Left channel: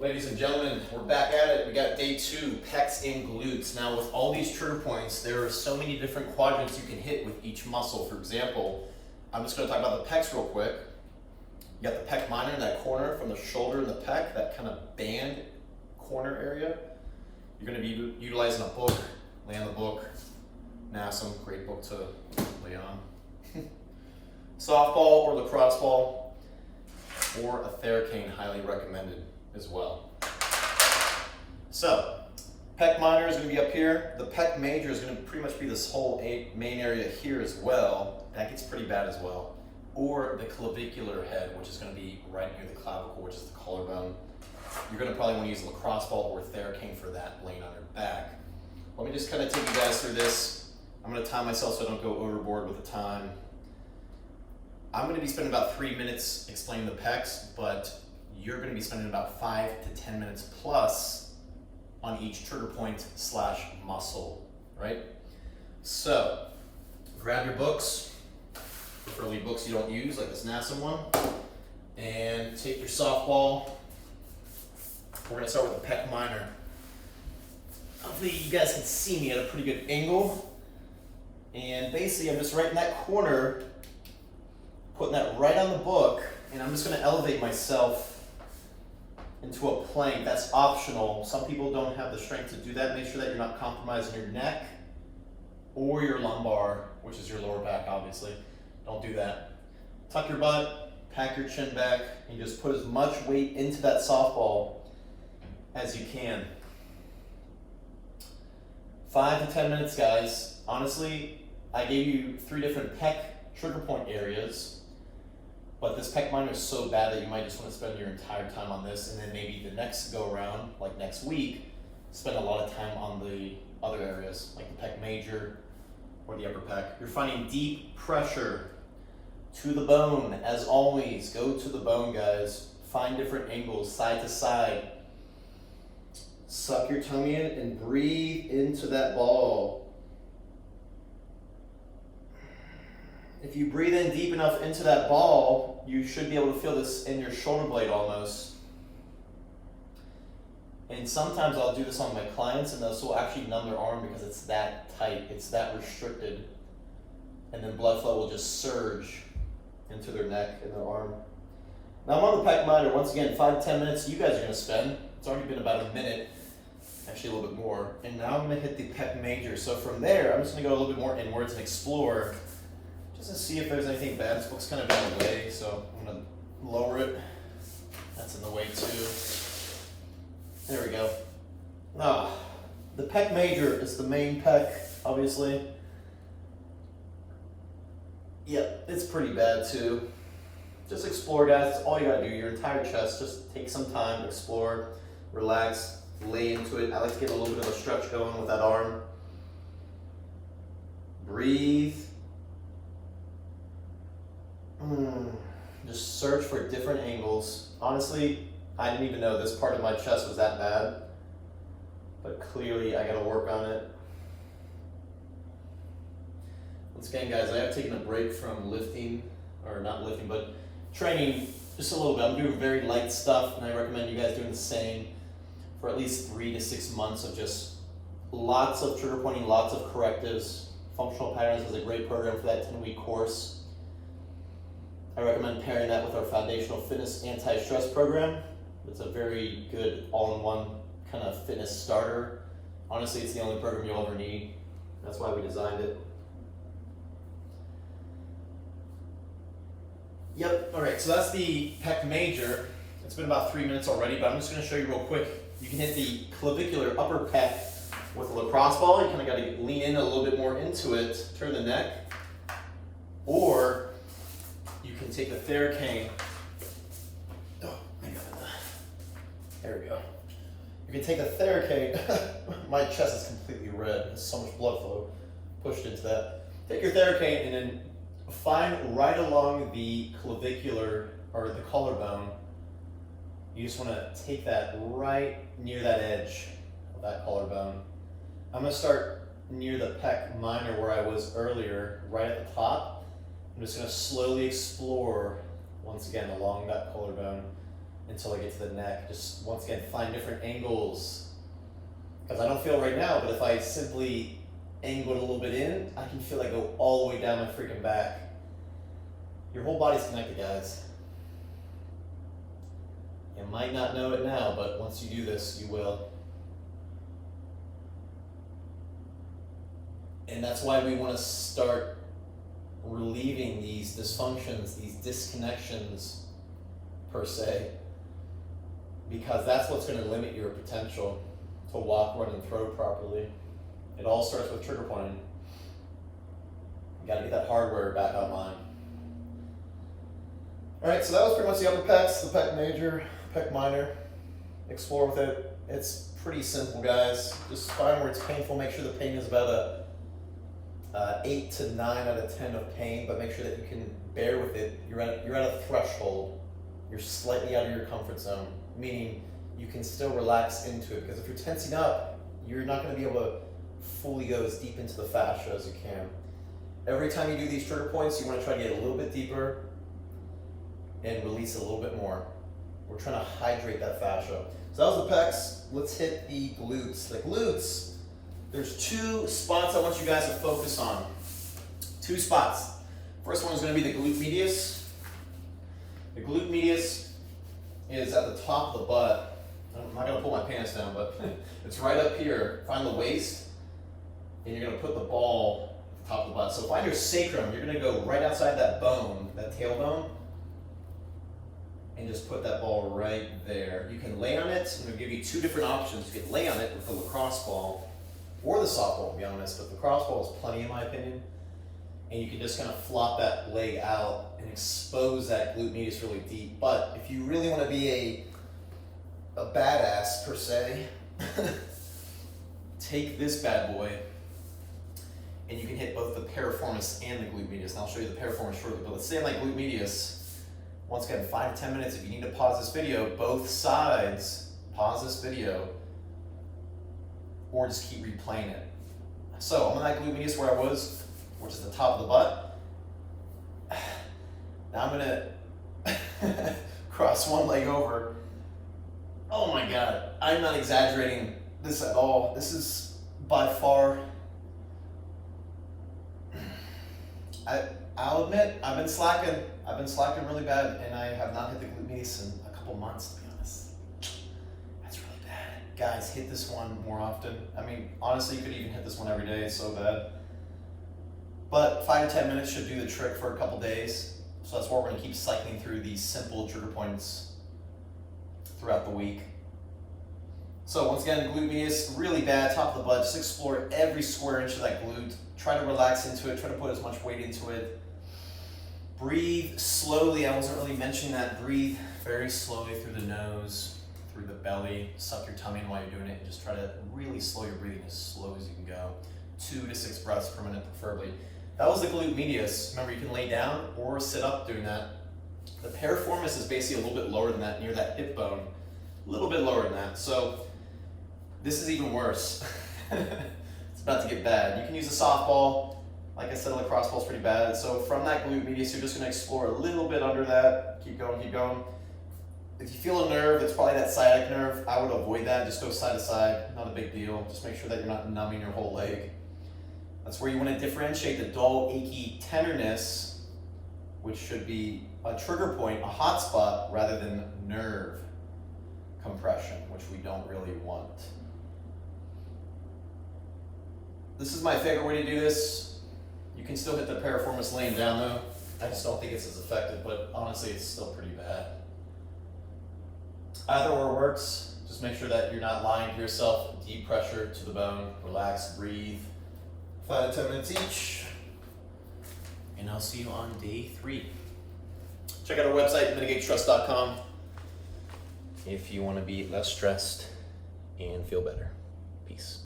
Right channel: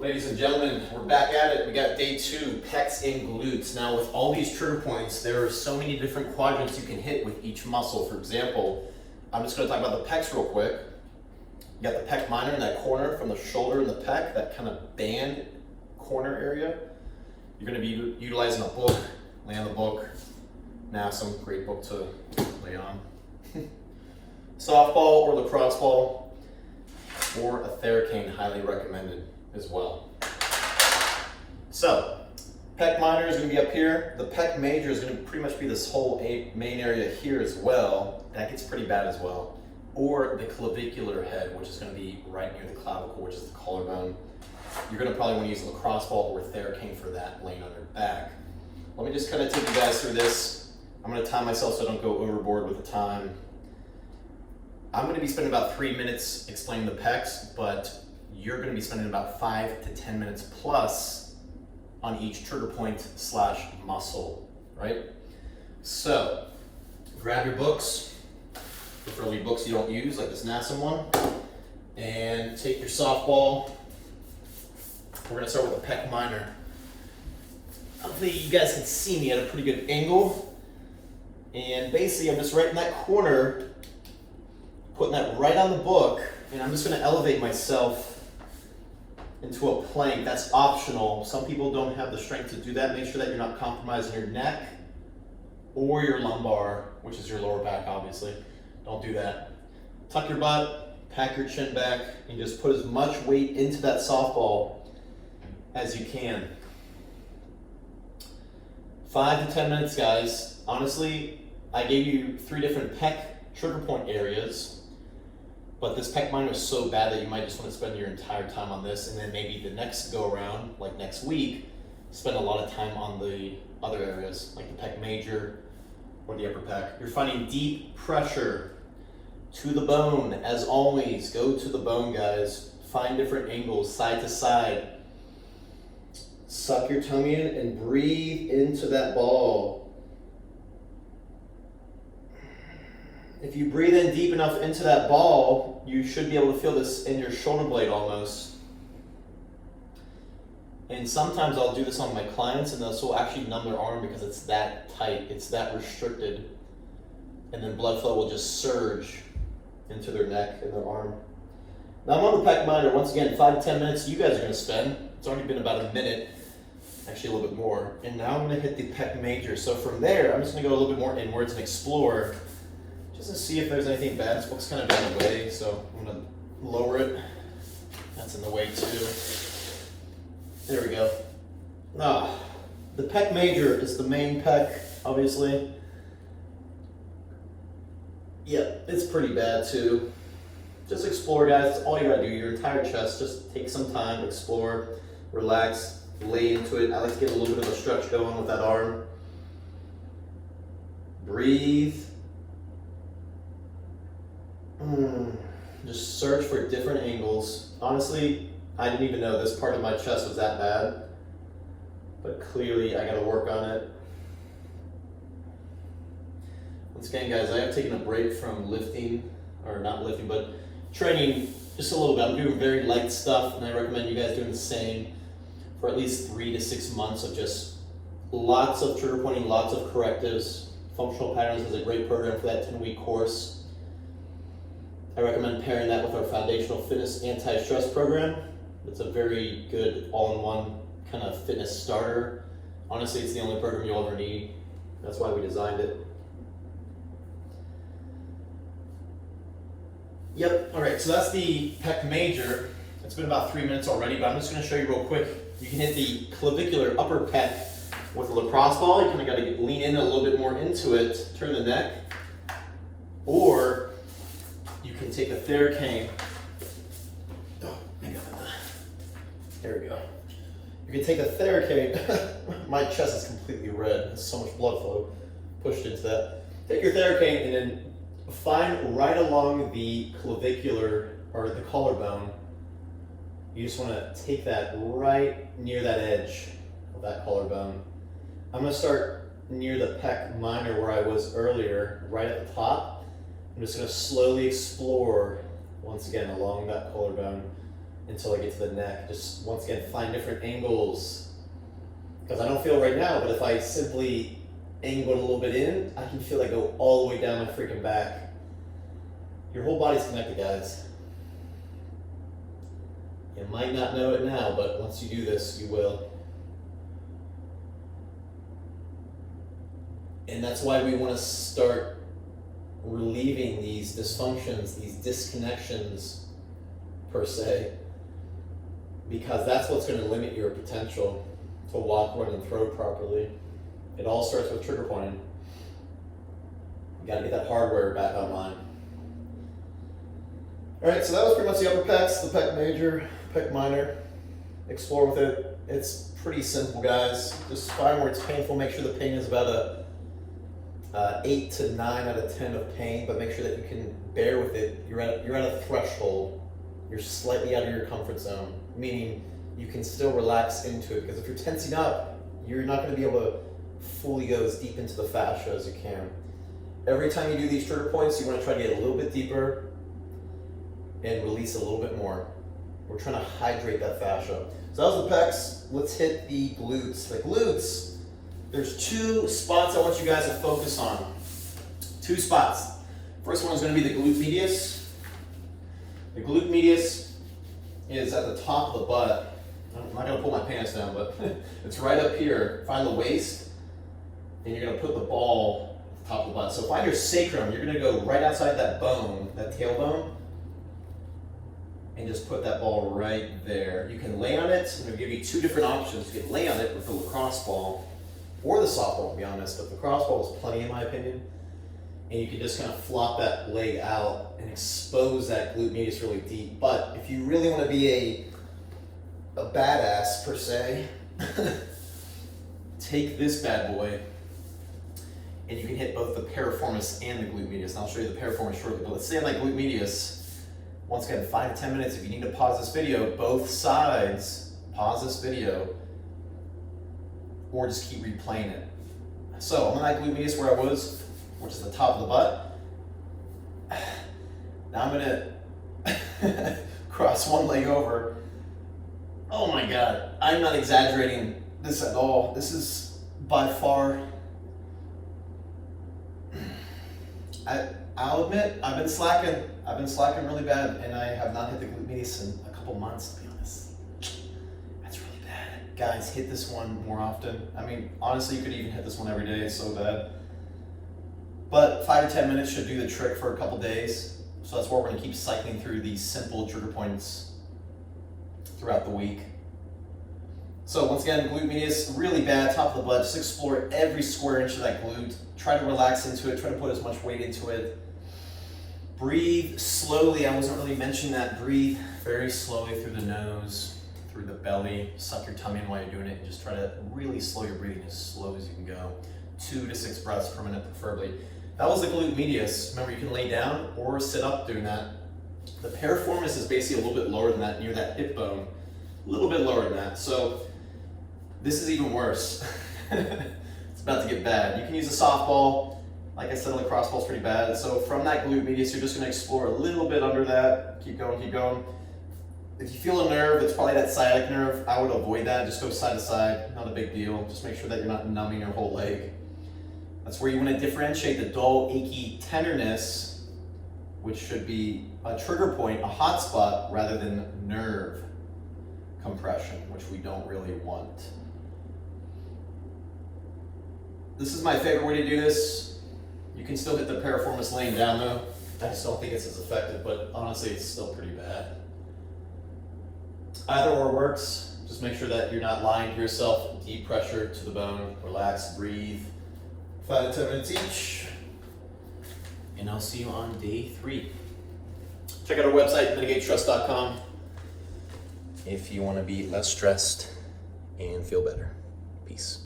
Ladies and gentlemen, we're back at it. We got day 2, pecs and glutes. Now with all these trigger points, there are so many different quadrants you can hit with each muscle. For example, I'm just going to talk about the pecs real quick. You got the pec minor in that corner from the shoulder and the pec, that kind of band corner area. You're going to be utilizing a book, lay on the book. Now some great book to lay on. Softball or lacrosse ball or a theracane, highly recommended as well. So, pec minor is going to be up here. The pec major is going to pretty much be this whole main area here as well. That gets pretty bad as well. Or the clavicular head, which is going to be right near the clavicle, which is the collarbone. You're going to probably want to use a lacrosse ball or theracane for that, laying on your back. Let me just kind of take you guys through this. I'm going to time myself so I don't go overboard with the time. I'm going to be spending about 3 minutes explaining the pecs, but you're going to be spending about 5 to 10 minutes plus on each trigger point / muscle, right? So, grab your books, preferably books you don't use, like this NASA one, and take your softball. We're going to start with the pec minor. Hopefully you guys can see me at a pretty good angle. And basically I'm just right in that corner, putting that right on the book, and I'm just going to elevate myself into a plank. That's optional. Some people don't have the strength to do that. Make sure that you're not compromising your neck or your lumbar, which is your lower back, obviously. Don't do that. Tuck your butt, pack your chin back, and just put as much weight into that softball as you can. 5 to 10 minutes, guys. Honestly, I gave you 3 different pec trigger point areas. But this pec minor is so bad that you might just want to spend your entire time on this, and then maybe the next go around, like next week, spend a lot of time on the other areas, like the pec major or the upper pec. You're finding deep pressure to the bone. As always, go to the bone, guys. Find different angles, side to side. Suck your tummy in and breathe into that ball. If you breathe in deep enough into that ball, you should be able to feel this in your shoulder blade almost. And sometimes I'll do this on my clients and this will actually numb their arm because it's that tight, it's that restricted. And then blood flow will just surge into their neck and their arm. Now I'm on the pec minor. Once again, 5 to 10 minutes you guys are going to spend. It's already been about a minute, actually a little bit more. And now I'm going to hit the pec major. So from there, I'm just going to go a little bit more inwards and explore, just to see if there's anything bad. This book's kind of in the way, so I'm going to lower it. That's in the way too. There we go. The pec major is the main pec, obviously. Yep, it's pretty bad too. Just explore, guys. That's all you gotta do. Your entire chest. Just take some time, explore, relax, lay into it. I like to get a little bit of a stretch going with that arm. Breathe. Just search for different angles. Honestly, I didn't even know this part of my chest was that bad, but clearly I gotta work on it. Once again, guys, I have taken a break from lifting, or not lifting, but training just a little bit. I'm doing very light stuff, and I recommend you guys doing the same for at least 3 to 6 months of just lots of trigger pointing, lots of correctives. Functional Patterns is a great program for that 10-week course. I recommend pairing that with our Foundational Fitness Anti-Stress program. It's a very good all-in-one kind of fitness starter. Honestly, it's the only program you'll ever need. That's why we designed it. Yep, all right, so that's the pec major. It's been about 3 minutes already, but I'm just gonna show you real quick. You can hit the clavicular upper pec with a lacrosse ball. You kind of gotta lean in a little bit more into it, turn the neck, or you can take a theracane. Oh, I got it. There we go. You can take a theracane. My chest is completely red. There's so much blood flow pushed into that. Take your theracane and then find right along the clavicular or the collarbone. You just want to take that right near that edge of that collarbone. I'm going to start near the pec minor where I was earlier, right at the top. I'm just going to slowly explore once again along that collarbone. until I get to the neck. Just once again, find different angles. Because I don't feel right now, but if I simply angle it a little bit in, I can feel it go all the way down my freaking back. Your whole body's connected, guys. You might not know it now, but once you do this, you will. And that's why we want to start relieving these dysfunctions, these disconnections, per se, because that's what's going to limit your potential to walk, run, and throw properly. It all starts with trigger pointing. You got to get that hardware back online. All right, so that was pretty much the upper pecs, the pec major, pec minor. Explore with it. It's pretty simple, guys. Just find where it's painful. Make sure the pain is about a 8 to 9 out of 10 of pain, but make sure that you can bear with it. You're at a threshold. You're slightly out of your comfort zone, meaning you can still relax into it, because if you're tensing up, you're not going to be able to fully go as deep into the fascia as you can. Every time you do these trigger points, you want to try to get a little bit deeper and release a little bit more. We're trying to hydrate that fascia. So that was the pecs. Let's hit the glutes. The glutes, there's 2 spots I want you guys to focus on. 2 spots. First one is going to be the glute medius. The glute medius is at the top of the butt. I'm not going to pull my pants down, but it's right up here. Find the waist, and you're going to put the ball at the top of the butt. So find your sacrum. You're going to go right outside that bone, that tailbone, and just put that ball right there. You can lay on it. I'm going to give you 2 different options. You can lay on it with the lacrosse ball or the softball, to be honest, but the crossball is plenty in my opinion. And you can just kind of flop that leg out and expose that glute medius really deep. But if you really want to be a badass, per se, take this bad boy and you can hit both the piriformis and the glute medius. And I'll show you the piriformis shortly, but let's stay on that glute medius. Once again, 5 to 10 minutes. If you need to pause this video, both sides, pause this video, or just keep replaying it. So I'm on that glute medius where I was, which is the top of the butt. Now I'm gonna cross one leg over. Oh my God, I'm not exaggerating this at all. This is by far, I'll admit, I've been slacking. I've been slacking really bad, and I have not hit the glute medius in a couple months, to be honest. That's really bad. Guys, hit this one more often. I mean, honestly, you could even hit this one every day. It's so bad. But 5 to 10 minutes should do the trick for a couple days. So that's where we're gonna keep cycling through these simple trigger points throughout the week. So once again, glute medius, really bad, top of the butt. Just explore every square inch of that glute. Try to relax into it, try to put as much weight into it. Breathe slowly. I wasn't really mentioning that. Breathe very slowly through the nose, through the belly. Suck your tummy in while you're doing it, and just try to really slow your breathing as slow as you can go. 2 to 6 breaths per minute, preferably. That was the glute medius. Remember, you can lay down or sit up doing that. The piriformis is basically a little bit lower than that, near that hip bone. A little bit lower than that. So this is even worse. It's about to get bad. You can use a softball. Like I said, lacrosse ball's pretty bad. So from that glute medius, you're just gonna explore a little bit under that. Keep going, keep going. If you feel a nerve, it's probably that sciatic nerve. I would avoid that. Just go side to side. Not a big deal. Just make sure that you're not numbing your whole leg. That's where you want to differentiate the dull, achy tenderness, which should be a trigger point, a hot spot, rather than nerve compression, which we don't really want. This is my favorite way to do this. You can still hit the piriformis laying down though. I just don't think it's as effective, but honestly, it's still pretty bad. Either or works. Just make sure that you're not lying to yourself. Deep pressure to the bone. Relax, breathe. 5 to 10 minutes each. And I'll see you on day 3. Check out our website, mitigatestress.com, if you want to be less stressed and feel better. Peace.